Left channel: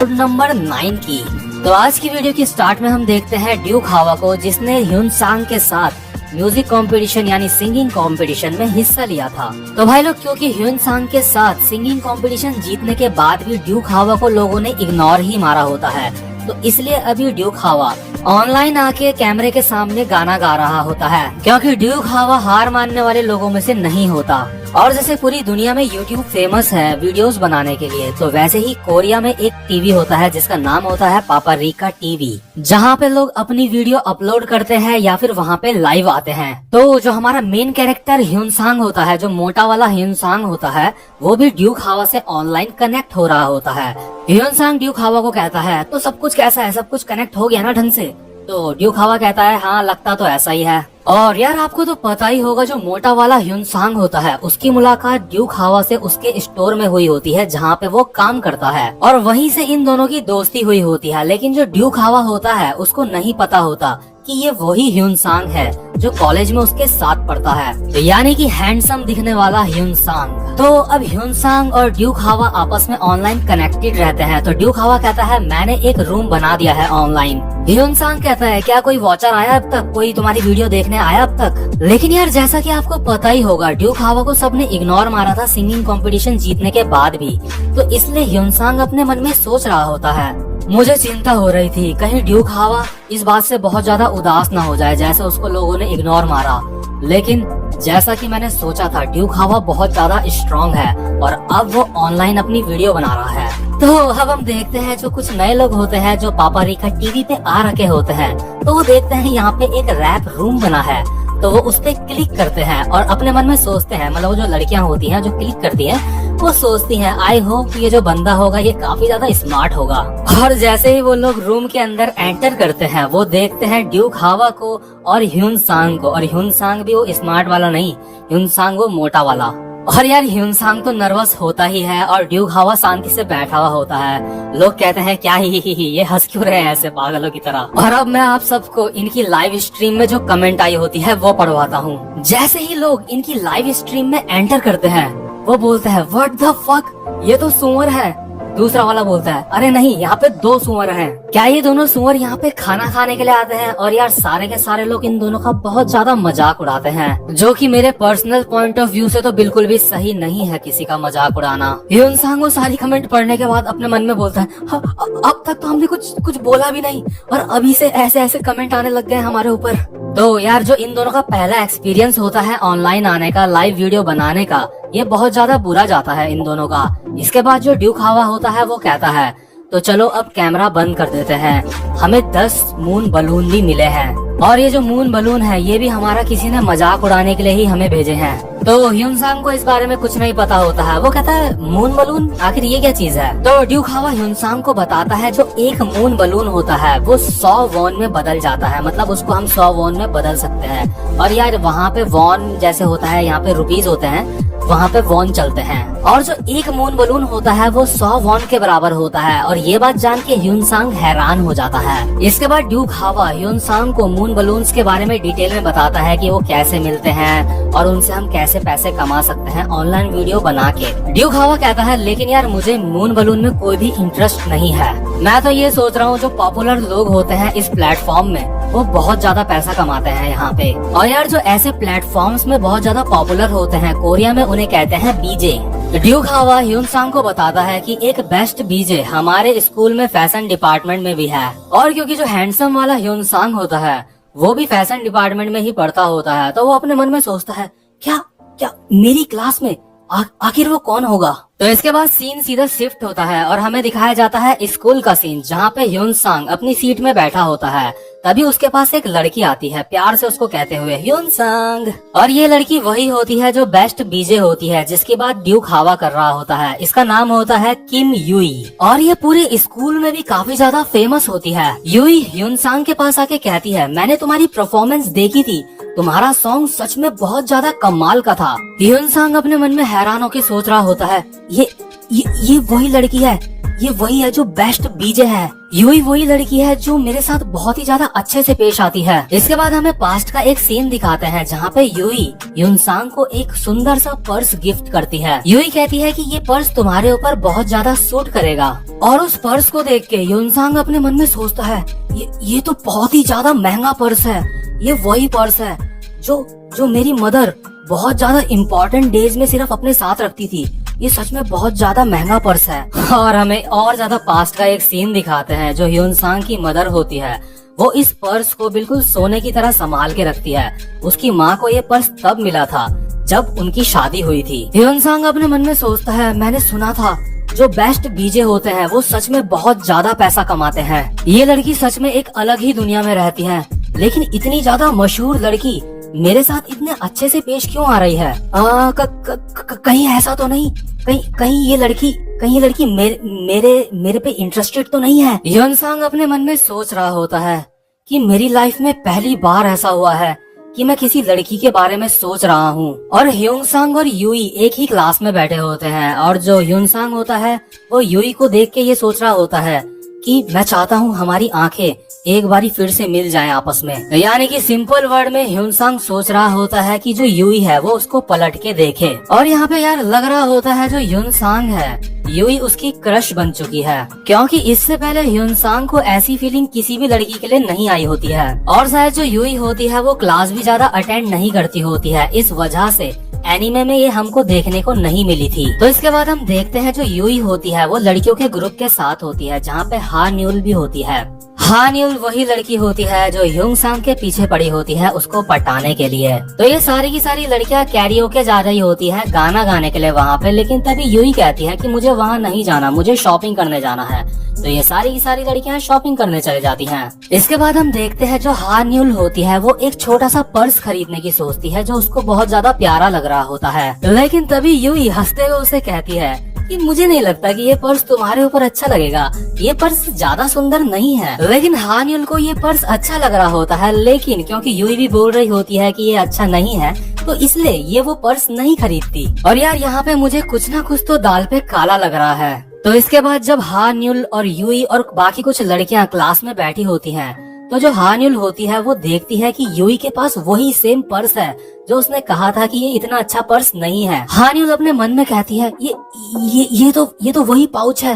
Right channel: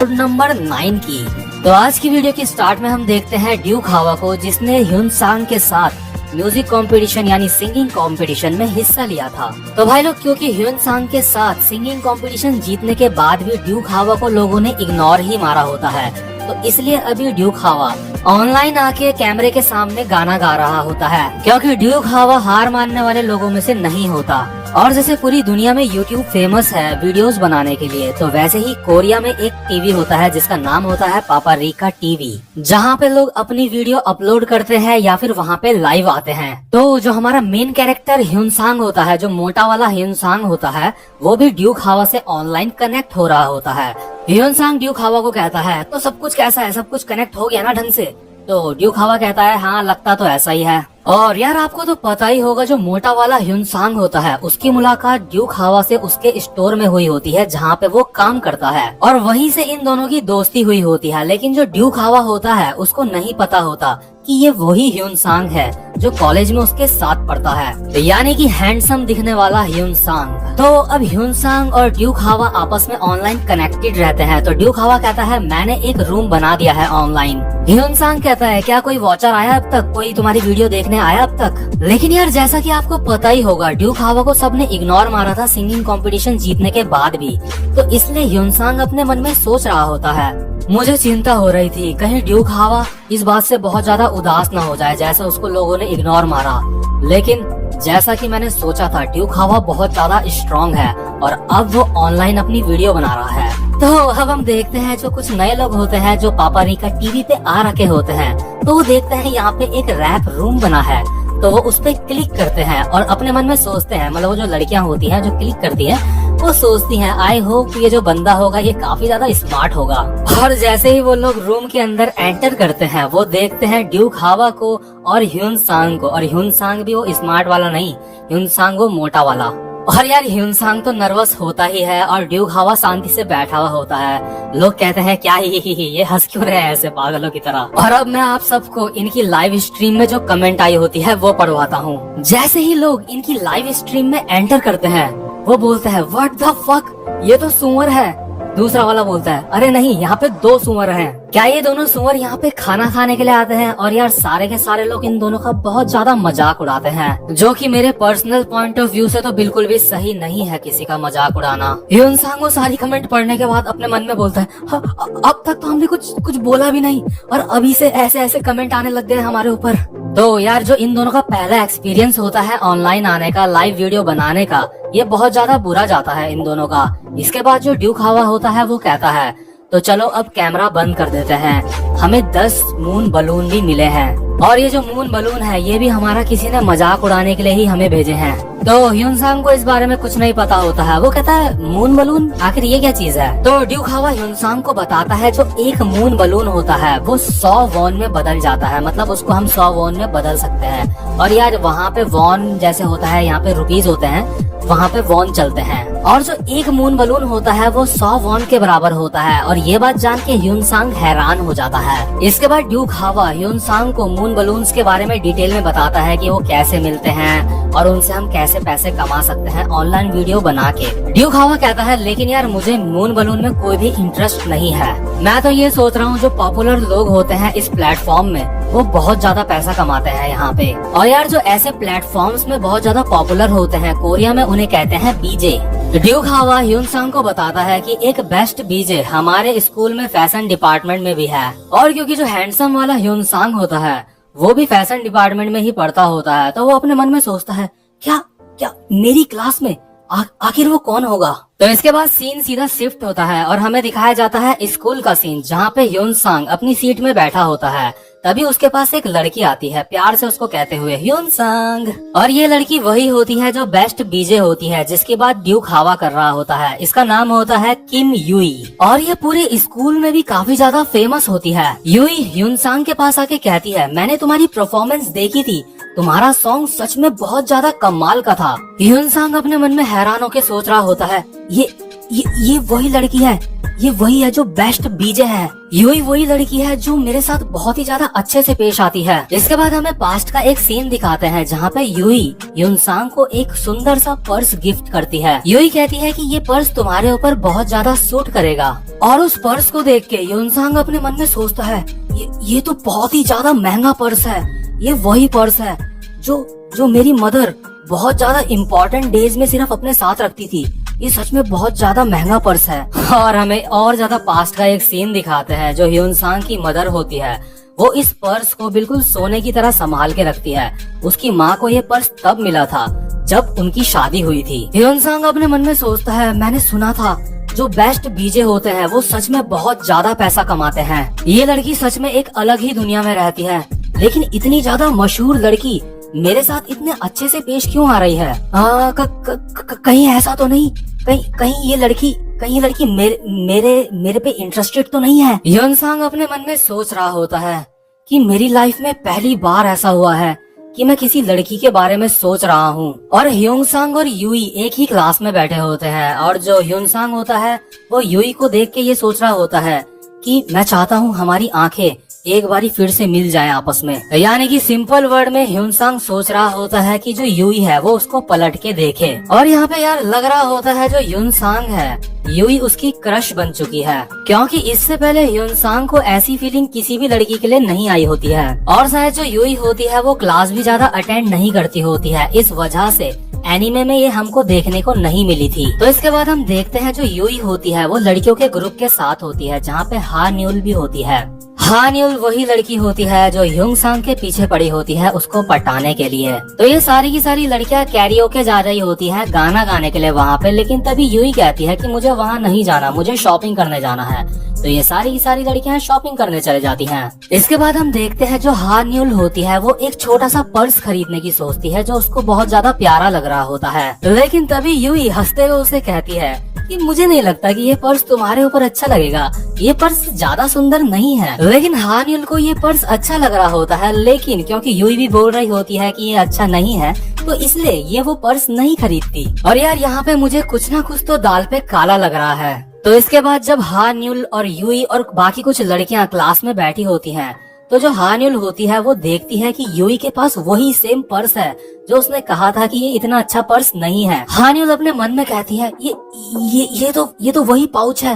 Number 9 की। तो आज की वीडियो की स्टार्ट में हम देखते हैं ड्यूक हावा को, जिसने ह्यून सांग के साथ म्यूजिक कंपटीशन यानी सिंगिंग कंपटीशन में हिस्सा लिया था। तो भाई लोग, क्योंकि ह्यून सांग के साथ सिंगिंग कंपटीशन जीतने के बाद भी ड्यूक हावा को लोगों ने इग्नोर ही मारा होता है, तो इसलिए अभी ड्यूक हावा ऑनलाइन आके कैमरे के सामने गाना गा रहा होता है, क्योंकि ड्यूक हावा हार मानने वाले लोगों में से नहीं होता। और जैसे पूरी दुनिया में यूट्यूब फेमस है वीडियोस बनाने के लिए, तो वैसे ही कोरिया में एक टीवी होता है जिसका नाम होता है पापरिका टीवी, जहाँ पे लोग अपनी वीडियो अपलोड करते हैं या फिर वहाँ पे लाइव आते हैं। तो जो हमारा मेन कैरेक्टर ह्यून सांग होता है, जो मोटा वाला ह्यून सांग होता है, वो भी ड्यूक हावा से ऑनलाइन कनेक्ट हो रहा होता है। ह्यून सांग ड्यूक हावा को कहता है, तो सब कुछ कैसा है, सब कुछ कनेक्ट हो गया ना ढंग से? तो ड्यूक हावा कहता है, हाँ लगता तो ऐसा ही है। और यार आपको तो पता ही होगा, जो मोटा वाला ह्यून सांग होता है उसकी मुलाकात ड्यूक हावा से उसके स्टोर में हुई होती है जहाँ पे वो काम करता है, और वहीं से इन दोनों की दोस्ती हुई होती है। लेकिन जो ड्यूक हावा होता है उसको नहीं पता होता कि ये वही ह्यून सांग है जो कॉलेज में उसके साथ पढ़ता है, तो यानी कि हैंडसम दिखने वाला ह्यून सांग। तो अब ह्यून सांग और ड्यूक हावा आपस में ऑनलाइन कनेक्टेड रहते हैं। तो ड्यूक हावा कहता है, मैंने एक रूम बना दिया है ऑनलाइन। ह्यून सांग कहता है, क्या कोई वॉचर आया अब तक, कोई तुम्हारी वीडियो देखने आया अब तक? लेकिन यार जैसा कि आपको पता ही होगा, ड्यूक हावा को सबने इग्नोर मारा था सिंगिंग कंपटीशन जीतने के बाद भी, तो इसलिए ह्यून सांग अपने मन में सोच रहा होता है, मुझे चिंता हो रही थी कहीं ड्यूक हावा इस बात से बहुत ज्यादा उदास ना हो जाए जैसे उसको लोगों ने इग्नोर मारा। लेकिन जैसा कि मैंने सोचा था, ड्यूक हावा बहुत ज्यादा स्ट्रांग है और अब वो ऑनलाइन अपनी वीडियो बना रहा है। तो अब हम देखते हैं, जो कुछ नए लोग होते हैं जो पापरिका टीवी पे आ रखे होते हैं, तो वो देखते हैं यहाँ पे एक रैप रूम बना है, तो वो उस पे क्लिक करते हैं और अपने मन में सोचते हैं, मतलब वो जो लड़कियां होती हैं जो क्लिक करती हैं, वो सोचती हैं, आई होप ये जो बंदा होगा ये काफी ज्यादा स्मार्ट होगा। और जैसे ही वो लोग रूम के अंदर एंटर करते हैं, वो देखते हैं ड्यूक हावा को और ह्यून सांग को, और ह्यून सांग भी वो स्मार्ट वाला नहीं, ह्यून सांग वो मोटा वाला। और यार ह्यून सांग तो नर्वस होता ही है और ड्यूक हावा शांति से बैठा हुआ होता है। लोग कहते हैं, क्या ही ये हंस क्यों रहे हैं ऐसे पागलों की तरह। और अब मैं आप सबको इनकी लाइव स्ट्रीम में जो कमेंट आई होती है वो पढ़वाता हूँ। जैसे ही लोग इनकी लाइव स्ट्रीम में एंटर करते हैं, वो बोलते हैं, व्हाट द फक, ये तो सुअर है। दूसरा वाला बोलता है, अरे नहीं, यहाँ पे 2 सुअर हैं। क्या ये दोनों सुअर यहाँ पे खाना खाने के लिए आते हैं? और यार सारे के सारे लोग इन दोनों का बहुत ज्यादा मजाक उड़ाते हैं, जो कि मेरे पर्सनल पॉइंट ऑफ व्यू से तो बिल्कुल भी सही नहीं है किसी का मजाक उड़ाना। ह्यून सांग वो सारी कमेंट पढ़ने के बाद अपने मन में बोलता है, अब तक तो हमने कुछ बोला भी नहीं और अभी से ऐसे ऐसे कमेंट आने लग गए हमारे ऊपर। तो यार जो इन दोनों का पहला एक्सपीरियंस होता है ऑनलाइन आने का, लाइव वीडियो बनाने का, ये बहुत ज्यादा बुरा जाता है इन दोनों का। इसके बाद जो ड्यूक हावा होता है वो कहता है, तो चलो अब कैमरा बंद कर देते हैं, हमें 10 मून बलून भी मिले हैं, और ये जो मून बलून है ये भी हमारा किसी ने मजाक उड़ाने के लिए ही हमें भेजे हैं। तो ह्यून सांग को इस बारे में कुछ नहीं पता होता है, वो कहता है, मून बलून, आखिर ये क्या चीज है? तो ड्यूक हावा ह्यून सांग को बताता है, जो एक मून बलून होता है वो 100 वॉन में बदल जाता है, मतलब उसको हम 100 वॉन में बदल सकते हैं। और यार वहाँ पे वॉन जैसे होता है, यहाँ पे रुपीज होते हैं, वहाँ पे वॉन चलते हैं, और जो एक मून बलून होता है वो 100 वॉन के बराबर होता है। और ये बात जान के ह्यून सांग हैरान हो जाता है। इसके बाद ड्यूक हावा ह्यून सांग को मून बलून्स के बारे में डिटेल में बताता है कि वो कैसे मिलते हैं और उनसे हम कैसे पैसे कमा सकते हैं ऑनलाइन वीडियो बना के। ड्यूक हावा कहता है, लेकिन यार मुझे मून बलून में कोई भी इंटरेस्ट नहीं है, मैं तो ये सोच रहा हूँ जो पॉपुलर लोग होते हैं इस प्लेटफॉर्म में वो बहुत ज्यादा पैसा कमाते हैं यहाँ पे। और यार जो ऐसे प्लेटफॉर्म्स में बहुत ज्यादा पॉपुलर होते हैं, कोरिया में उन्हें कहते हैं बीजे। ड्यूक हावा ह्यून सांग को बताता है कि एक बेस्ट बीजे हमारे स्कूल में फैशन डिपार्टमेंट में भी है, और क्योंकि जो हैंडसम वाला ह्यून सांग होता है वो भी फैशन डिपार्टमेंट में ही पढ़ता होता है, तो वो अपने मन में सोचता है, क्या मेरी क्लास में आखिर वो कौन होगा? तो इसके बाद सीन सीधा शिफ्ट होता है और हमें दिखाया जाता है स्कूल का सीन, जहाँ पे ह्यून सांग अपनी सीट में बैठा होता है। तभी उसके पास एक लड़की आती है, प्यार से उसको कहते हुए, ह्यून सांग। और ये लड़की वही होती है जो बेस्ट बीजे होती है, जिसकी बात ड्यूक हावा कर रहा होता है। इसका नाम होता है किम युई, और ये पूरे स्कूल में भी काफी ज्यादा फेमस होती है। युई ह्यून सांग के पास आके कहती है, मैंने तुम्हारी परफॉर्मेंस देखी थी, तुम्हारा सॉन्ग सच में बहुत ज्यादा कमाल का था। ह्यून सांग अपने मन में हैरान होकर सोच रहा होता है, ये वही लड़की है, ये वही है जो बेस्ट बीजे है। यूई वही लड़की है जो मेरे साथ बहुत ही ज्यादा अच्छे से पेश आती है। इसके बाद हमें पास्ट का एक सीन दिखाते हैं जहाँ पे यूई ह्यूनसांग को एक सुंदर सा पर्स गिफ्ट करती है। यूई कहती है कि ये पर्स तुम्हारे ऊपर बहुत ज्यादा सूट करेगा, और उस पर्स को देख के ह्यूनसांग अपने मन में सोचता है ये तो बहुत ही ज्यादा महंगा पर्स है। ये वही पर्स है जो मेरी मदर बहुत ज्यादा इम्पोर्टेंट डेज में सिर्फ अपने साथ रखती थी। ये सच में बहुत ज्यादा महंगा पर्स है। और हमें और ज्यादा पास्ट का एक सीन दिखाते हैं। जो ह्यूनसांग की मदर होती है वो इस पर्स को बिल्कुल सोने की तरह संभाल के रखती है। उसकी माँ को ये पर्स तब मिला था जब उनकी शादी हुई थी। ह्यूनसांग अपने मन में सोचता है, मैंने सुना था जो बेस्ट बीजे होते हैं वो सच में बहुत ज्यादा पैसा कमाते हैं। ये लड़की सच में एक अलग ही दुनिया में रहती है, लेकिन इतनी ज्यादा मशहूर लड़की मेरे साथ इतने अच्छे से पेश क्यों आ रही है? कहीं ऐसा तो नहीं, कहीं ये लड़की मेरे पे इंटरेस्टेड तो नहीं है? ह्यूनसांग अपने मन में सोच रहा होता है कि मेरी लाइफ में पहली बार ऐसा हुआ है कि मैं किसी लड़की के बारे में सोच रहा हूँ। और ह्यूनसांग और यूई एक ही क्लास में बैठे होते हैं, और जो ह्यूनसांग होता है वो यूई को देख के ये सोच रहा होता है कि मैं चाहता हूँ हमारी आंखें एक बारी फिर से मिल जाए आपस में। यानी कि सिंपल वर्ड में ह्यूनसांग सोच रहा होता है कि जो यूई है वो उसको पलट के देखे। और यहाँ पे यार लग रहा होता है जो ह्यूनसांग है यूई उसकी क्रश बन चुकी है, क्योंकि इससे पहले ह्यूनसांग को ऐसी फीलिंग किसी भी लड़की के लिए नहीं आई होती है। और शायद जो यूई होती है वो क्लास भी ज्यादा अटेंड नहीं करती होती है, इस वजह से एनिमे में ये हमको देखने को नहीं मिली थी। तो इसके बाद हम देखते हैं जो यूई होती है वो लड़कियों के ग्रुप के साथ होती है, जहाँ पे हान्यूल भी होती है। हान्यूल वही लड़की होती है जो ह्यूनसांग के पीछे पड़ी होती है उसको पटाने के लिए। तो ये सारी की सारी लड़कियां कैरियोके जा रही होती है गाना गाने के लिए वहाँ पे, लेकिन तभी यूई कहती है कि मुझे वहाँ नहीं जाना, मुझे शॉपिंग करने जाना है। तो ये सारी की सारी लड़कियां शॉपिंग करने चले जाती हैं। इसके बाद हम देखते हैं जो हान्यूल होती है वो एक छोटा सा पर्स खरीदने की सोचती है जो उसको बहुत ज्यादा प्यारा लग रहा होता है, लेकिन तभी यूई हंसते हुए उसे कहती है कि मुझे नहीं लगता कि ये पर्स तुम्हारे ऊपर अच्छा लगेगा, ये पर्स ज्यादा सुंदर नहीं है। लेकिन हान्यूल को ये पर्स अच्छा लग रहा होता है, लेकिन क्योंकि यूई भी बोल रही होती है कि ये अच्छा नहीं है तो इसलिए ये वो पर्स नहीं खरीदती। और यार यहाँ पे मुझे कुछ ना कुछ तो दाल पे काला लग रहा है। तो इसके बाद जब हान्यूल और यूई और बाकी कुछ लड़कियां क्लास में बैठी होती हैं, तो जो हान्यूल होती है वो देखती है कि यूई के पास वही सेम पर्स है जो उसने कहा था कि ये इतना अच्छा पर्स नहीं है। हान्यूल अपने मन में कहती है ये तो वही पाउच है,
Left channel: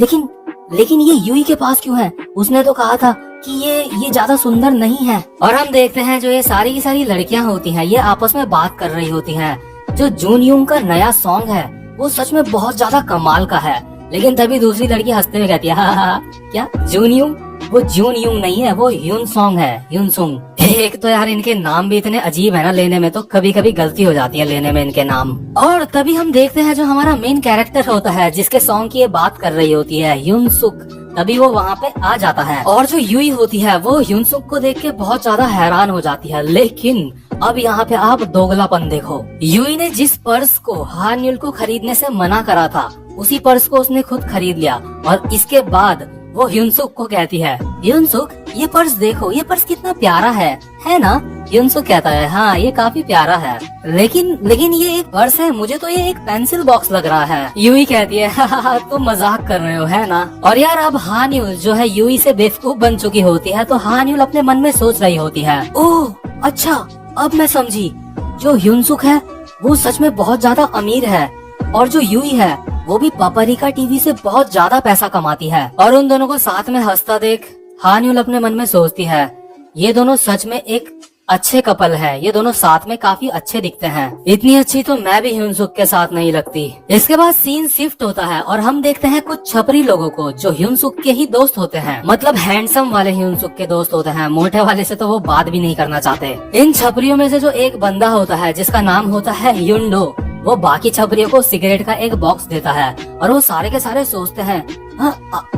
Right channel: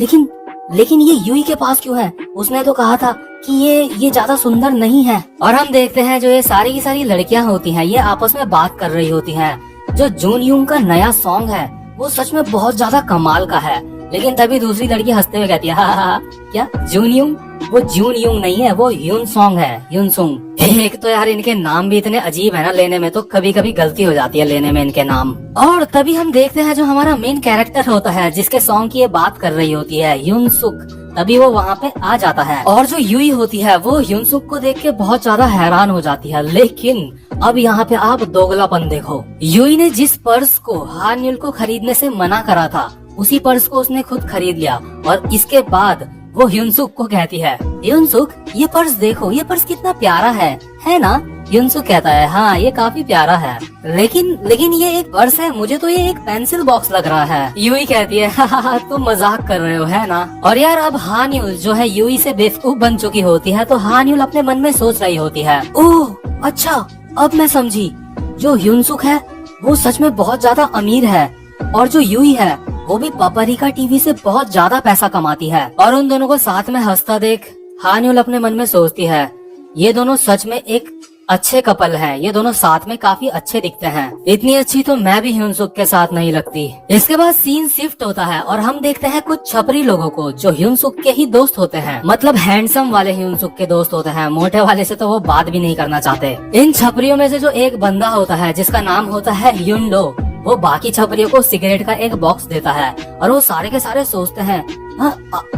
लेकिन ये यूई के पास क्यों है? उसने तो कहा था कि ये ज्यादा सुंदर नहीं है। और हम देखते हैं जो ये सारी की सारी लड़कियां होती हैं ये आपस में बात कर रही होती हैं। जो जूनयूंग का नया सॉन्ग है वो सच में बहुत ज्यादा कमाल का है, लेकिन तभी दूसरी लड़की हंसते हुए कहती है हा क्या जूनयूंग? वो जूनयूंग नहीं है, वो ह्यूनसोंग है, ह्यूनसोंग। एक तो यार इनके नाम भी इतने अजीब है ना लेने में, तो कभी कभी गलती हो जाती है लेने में इनके नाम। और तभी हम देखते हैं जो हमारा मेन कैरेक्टर होता है जिसके सॉन्ग की ये बात कर रही होती है, ह्यूनसुक, तभी वो वहाँ पे आ जाता है। और जो यूई होती है वो ह्यूनसुक को देख के बहुत ज्यादा हैरान हो जाती है, लेकिन अब यहाँ पे आप दोगलापन देखो। यूई ने जिस पर्स को हान्यूल को खरीदने से मना करा था उसी पर्स को उसने खुद खरीद लिया, और इसके बाद वो ह्यूनसुक को कहती है ह्यूनसुक ये पर्स देखो, ये पर्स कितना प्यारा है ना? ह्यूनसुक कहता है हाँ ये काफी प्यारा है, लेकिन ये एक पर्स है, मुझे तो ये एक पेंसिल बॉक्स लग रहा है। यूई कहती है हाँ तुम मजाक कर रहे हो है ना? और यार अब हान्यूल जो है यूई से बेवकूफ बन चुकी होती है, तो हान्यूल अपने मन में सोच रही होती है ओह अच्छा अब मैं समझी, जो ह्यूनसुक है वो सच में बहुत ज्यादा अमीर है, और जो यूई है वो भी पापरिका टीवी से बहुत ज्यादा पैसा कमाती है। और उन दोनों को साथ में हंसता देख हान्यूल अपने मन में सोचती है ये दोनों सच में एक अच्छे कपल है, ये दोनों साथ में काफी अच्छे दिखते हैं, इतनी अच्छी तो मैं भी ह्यूनसुक के साथ नहीं लगती। इसके बाद सीन शिफ्ट होता है और हम देखते हैं कुछ छपरी लोगों को जो ह्यूनसुक के ही दोस्त होते हैं, मतलब हैंडसम वाले ह्यूनसुक के दोस्त होते हैं, मोटे वाले से तो वो बात भी नहीं करना चाहते। इन छपरियों में से जो एक बंदा होता है जिसका नाम होता है ह्यूंडो, वो बाकी छपरियों को सिगरेट का एक बॉक्स देता है, और वो सारे के सारे सोचते हैं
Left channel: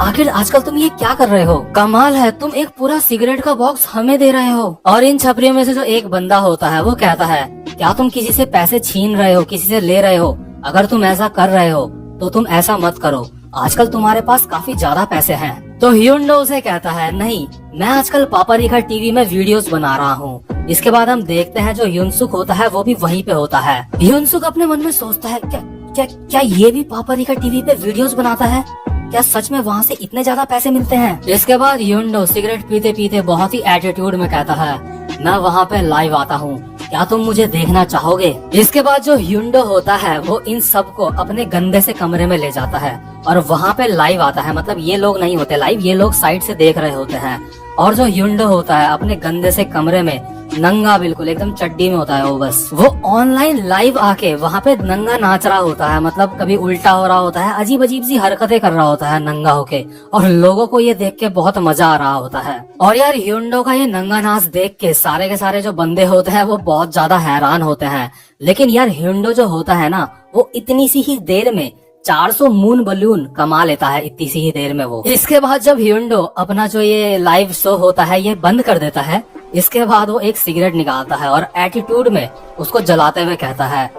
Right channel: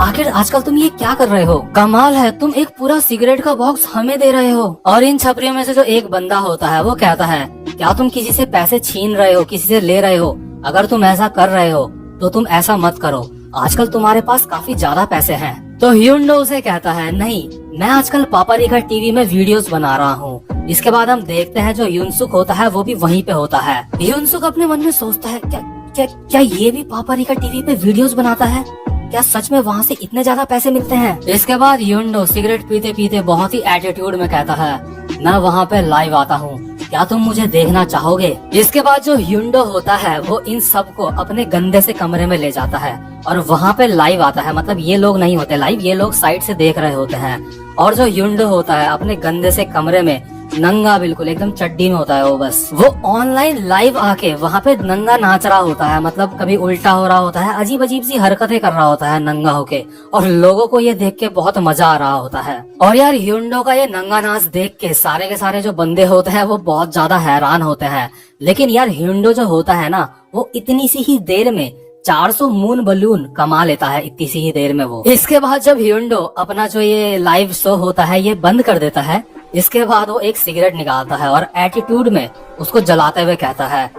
आखिर आजकल तुम ये क्या कर रहे हो, कमाल है तुम एक पूरा सिगरेट का बॉक्स हमें दे रहे हो। और इन छपरियों में से जो एक बंदा होता है वो कहता है क्या तुम किसी से पैसे छीन रहे हो, किसी से ले रहे हो? अगर तुम ऐसा कर रहे हो तो तुम ऐसा मत करो, आजकल तुम्हारे पास काफी ज्यादा पैसे हैं। तो ह्यूंडो उसे कहता है नहीं मैं आजकल पापरिका टीवी में वीडियोस बना रहा हूँ। इसके बाद हम देखते हैं जो ह्यूनसुक होता है वो भी वहीं पे होता है। ह्यूनसुक अपने मन में सोचता है क्या ये भी पापरिका टीवी पे वीडियोस बनाता है? क्या सच में वहाँ से इतने ज्यादा पैसे मिलते हैं? इसके बाद ह्युंडो सिगरेट पीते पीते बहुत ही एटीट्यूड में कहता है, मैं वहाँ पे लाइव आता हूँ, क्या तुम मुझे देखना चाहोगे? इसके बाद जो ह्युंडो होता है वो इन सबको अपने गंदे से कमरे में ले जाता है और वहाँ पे लाइव आता है। मतलब ये लोग नहीं होते लाइव, ये लोग साइड से देख रहे होते हैं। और जो ह्युंडो होता है अपने गंदे से कमरे में नंगा, बिल्कुल एकदम चड्डी में होता है वो ऑनलाइन लाइव आके वहाँ पे नंगा नाच रहा होता है। मतलब कभी उल्टा हो रहा होता है, अजीब अजीब सी हरकतें कर रहा होता है नंगा होके, और लोगों को ये देख के बहुत मजा आ रहा होता है। और यार ह्युंडो का ये नंगा नाच देख के सारे के सारे जो बंदे होते हैं वो बहुत ज्यादा हैरान होते हैं। लेकिन यार ह्युंडो जो होता है ना, वो इतनी सी ही देर में 400 मून बलून कमा लेता है, इतनी सी ही देर में वो। इसके बाद जब ह्युंडो अपना जो ये लाइव शो होता है ये बंद कर देता है, इसके बाद वो एक सिगरेट निकालता है और एटीट्यूड में उसको जलाते हुए कहता है,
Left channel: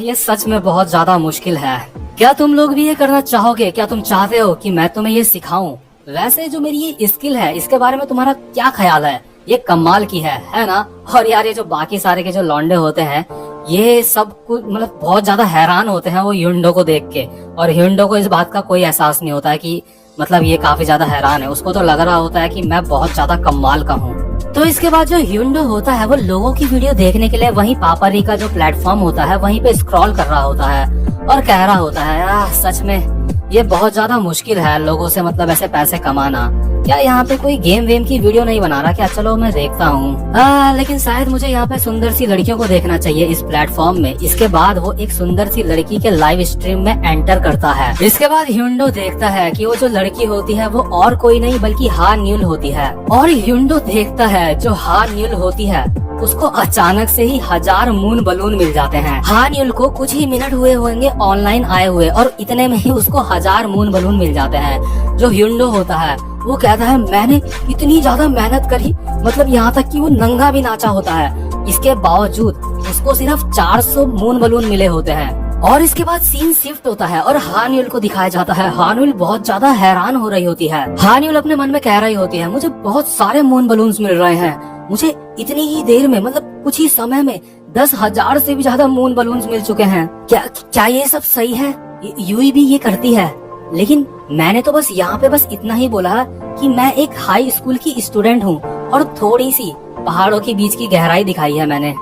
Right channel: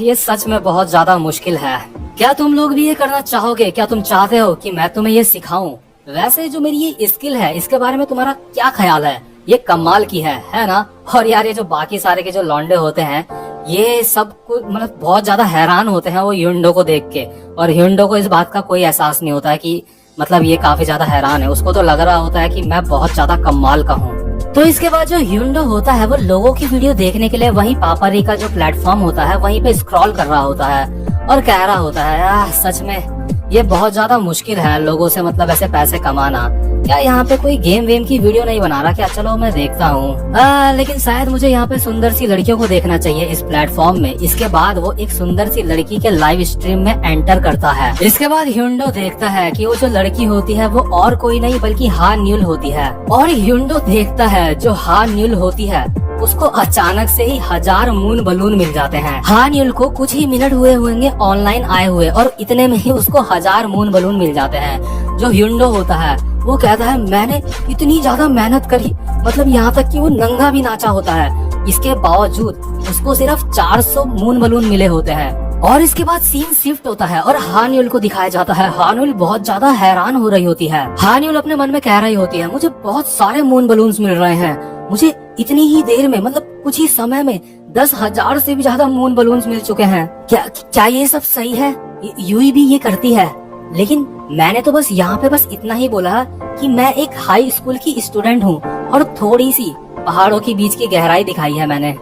ये सच में बहुत ज्यादा मुश्किल है। क्या तुम लोग भी ये करना चाहोगे? क्या तुम चाहते हो कि मैं तुम्हें ये सिखाऊं? वैसे जो मेरी ये स्किल है इसके बारे में तुम्हारा क्या ख्याल है? ये कमाल की है ना? और यार ये जो बाकी सारे के जो लौंडे होते हैं ये सब मतलब बहुत ज्यादा हैरान होते हैं वो ह्युंडो को देख के। और ह्युंडो को इस बात का कोई एहसास नहीं होता है कि मतलब ये काफी ज्यादा हैरान है। उसको तो लग रहा होता है कि मैं बहुत ज्यादा कमाल का हूँ। तो इसके बाद जो ह्युंडो होता है वो लोगों की वीडियो देखने के लिए वहीं पापरी का जो प्लेटफॉर्म होता है वहीं पे स्क्रॉल कर रहा होता है और कह रहा होता है, सच में ये बहुत ज्यादा मुश्किल है लोगों से मतलब ऐसे पैसे कमाना। क्या यहाँ पे कोई गेम वेम की वीडियो नहीं बना रहा क्या? चलो मैं देखता हूँ। लेकिन शायद मुझे यहाँ पे सुंदर सी लड़कियों को देखना चाहिए इस प्लेटफॉर्म में। इसके बाद वो एक सुंदर सी लड़की के लाइव स्ट्रीम में एंटर करता है। इसके बाद ह्युंडो देखता है कि वो जो लड़की होती है वो और कोई नहीं बल्कि हा न्यूल होती है। और ह्युंडो देखता है जो हा न्यूल होती है उसको अचानक से ही 1000 मून बलून मिल जाते हैं। हा न्यूल को कुछ ही मिनट हुए होंगे ऑनलाइन आए हुए और इतने में ही उसको 1000 मून बलून मिल जाते हैं। जो ह्युंडो होता है वो कहता है, मैंने इतनी ज्यादा मेहनत करी, मतलब यहाँ तक कि वो नंगा भी नाचा होता है, इसके बावजूद उसको सिर्फ 400 मून बलून मिले होते हैं। और इसके बाद सीन शिफ्ट होता है और हान्युल को दिखाया जाता है। हान्युल बहुत ज्यादा हैरान हो रही होती है। हान्युल अपने मन में कह रही होती है, मुझे बहुत सारे मून बलून्स मिल रहे हैं, मुझे इतनी ही देर में मतलब कुछ ही समय में 10,000 से भी ज्यादा मून बलून्स मिल चुके हैं। क्या ये सब सही है? यूई भी ये करती है? लेकिन मैंने तो बस यहाँ पे बस इतना ही बोला कि मैं एक हाई स्कूल की स्टूडेंट हूँ और थोड़ी सी पहाड़ों के बीच की गहराई दिखाई है मैंने।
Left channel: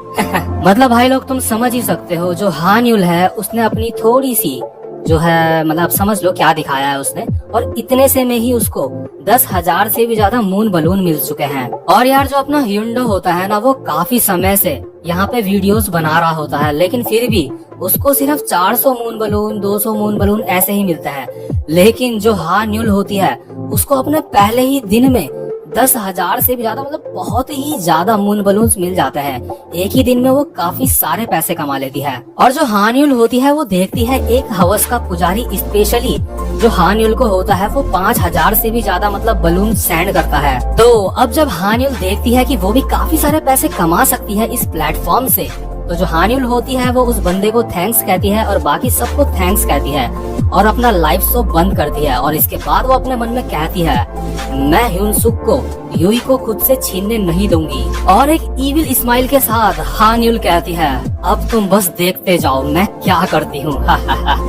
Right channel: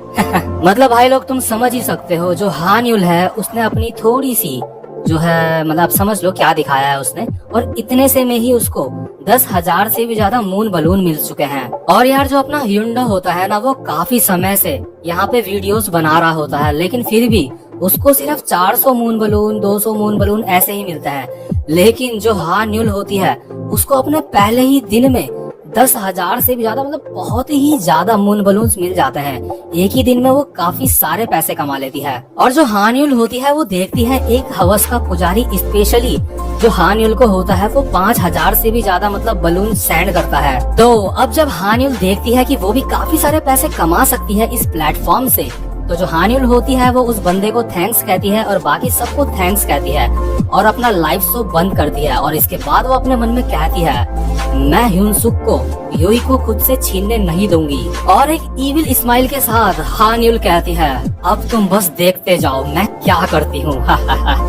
मतलब भाई लोग तुम समझ ही सकते हो, जो हान्युल है उसने अपनी थोड़ी सी जो है मतलब समझ लो क्या दिखाया है उसने, और इतने से में ही उसको 10,000 से भी ज्यादा मून बलून मिल चुके हैं। और यार जो अपना ह्युंडो होता है ना, वो काफी समय से यहाँ पे वीडियोस बना रहा होता है, लेकिन फिर भी उसको सिर्फ 400 मून बलून 200 मून बलून ऐसे ही मिलते हैं। लेकिन जो हान्युल होती है उसको अपने पहले ही दिन में 10,000 से भी ज्यादा मतलब बहुत ही ज्यादा मून बलून्स मिल जाते हैं। एक ही दिन में वो काफी सारे पैसे कमा लेती है। और जो हान्युल होती है वो देखती है एक हवस का पुजारी स्पेशली जो हान्युल को होता है वो 5,000 से भी ज्यादा मतलब बलून सेंड करता है। तो अब जब हान्युल देखती है कि वो भी काफी सारे पैसे कमा सकती है इस प्लेटफॉर्म से, तो जो हान्युल होती है वो उस बंदे को थैंक्स कहती है और बाकी सबको थैंक्स कहती है और अपना लाइव शो बंद करती है। और इसके बाद वो अपने मन में कहती है, मैं ह्युनसुक को यूई को खुद से छीनने नहीं दूंगी। और एक इविल स्माइल के साथ हान्युल कहती है, अब तुम बस देखते जाओ मैं क्या करती हूँ।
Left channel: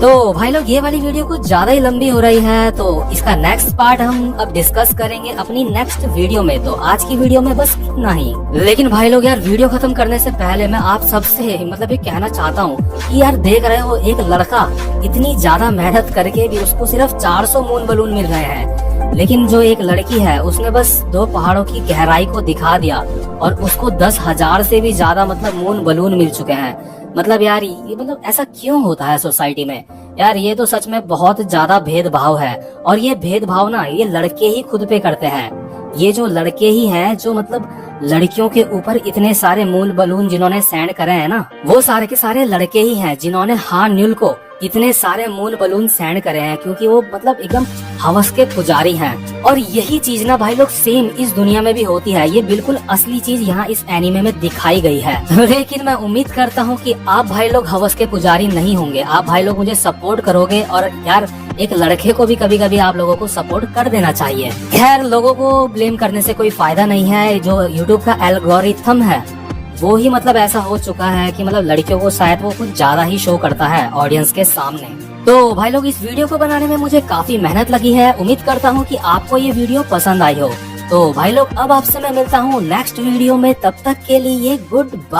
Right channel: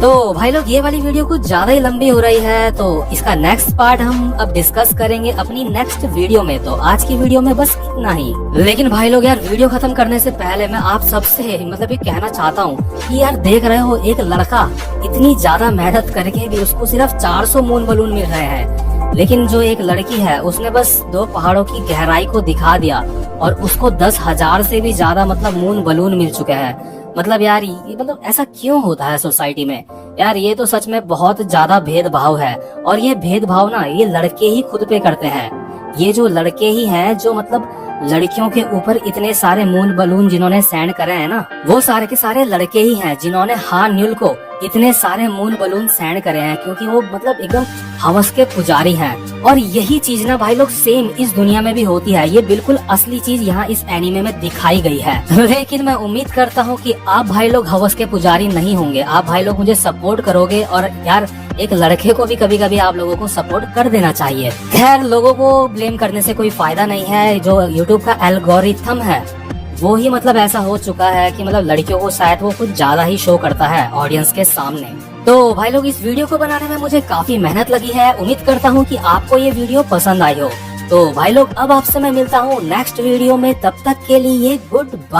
तो भाई लोग ये वाली वीडियो कुछ ज्यादा ही लंबी हो रही है, तो इसका नेक्स्ट पार्ट हम अब डिस्कस करेंगे अपनी नेक्स्ट वीडियो में। तो आज की वीडियो में बस इतना ही। लेकिन भाई लोग यार वीडियो खत्म करने से पहले मैं आप सबसे मतलब ये कहना चाहता हूँ कि यार देख रहे हो एक लड़का इतनी ज्यादा मेहनत करके भी उसको सिर्फ 400 मून बलून मिल रहे हैं, लेकिन जो एक लड़की है उसने बस 2 पहाड़ों की गहराई को दिखा दिया और उसको 10,000 से भी ज्यादा मतलब मून बलून मिल चुके हैं। मतलब यार ये मतलब ऐसा क्यों होता है सोसाइटी में? यार ये तो सच में बहुत ज्यादा भेदभाव है, और ये भेदभाव ना ये लड़के ही खुद पे करते हैं। ये जो लड़के ही हैं जो मतलब लड़कियों के ऊपर इतने सारे मून बलून जिन्होंने सेंड करे हैं ना, वो सारे के सारे लड़के ही हैं जिन्होंने हान्युल को इतने सारे मून बलून सेंड करे हैं, क्योंकि वो मतलब एकदम हवस के पुजारी हैं। और यही चीज ना भाई लोग सेम इस दुनिया में भी होती है। ये बिल्कुल असली चीज यहाँ इस एनिमे में दिखाई गई है। लेकिन मैं उम्मीद करता हूँ कि आप भाई लोग हवस के पुजारी नहीं होंगे, आप भाई लोग मुझे सपोर्ट करोगे। और यार एक लड़के को भी कभी कभी आप लोगों को सपोर्ट कर देना चाहिए। खैर लोगों को ब्लेम करने से कोई फायदा नहीं है। जो यूट्यूब का एल्गोरिथम है वो ही मतलब ऐसा हो चुका है कि मतलब लड़कियों को शायद वो कुछ ज्यादा ही शो करता है ऑडियंस के सामने। तो भाई लोग, इस वीडियो को बनाने में मुझे काफी मेहनत लगी है। उम्मीद करता हूँ कि आपको ये वीडियो पसंद आई हो। तो भाई लोग, अब आपसे मैं मिलता हूँ नेक्स्ट वीडियो में। तब तक के लिए गुड बाय।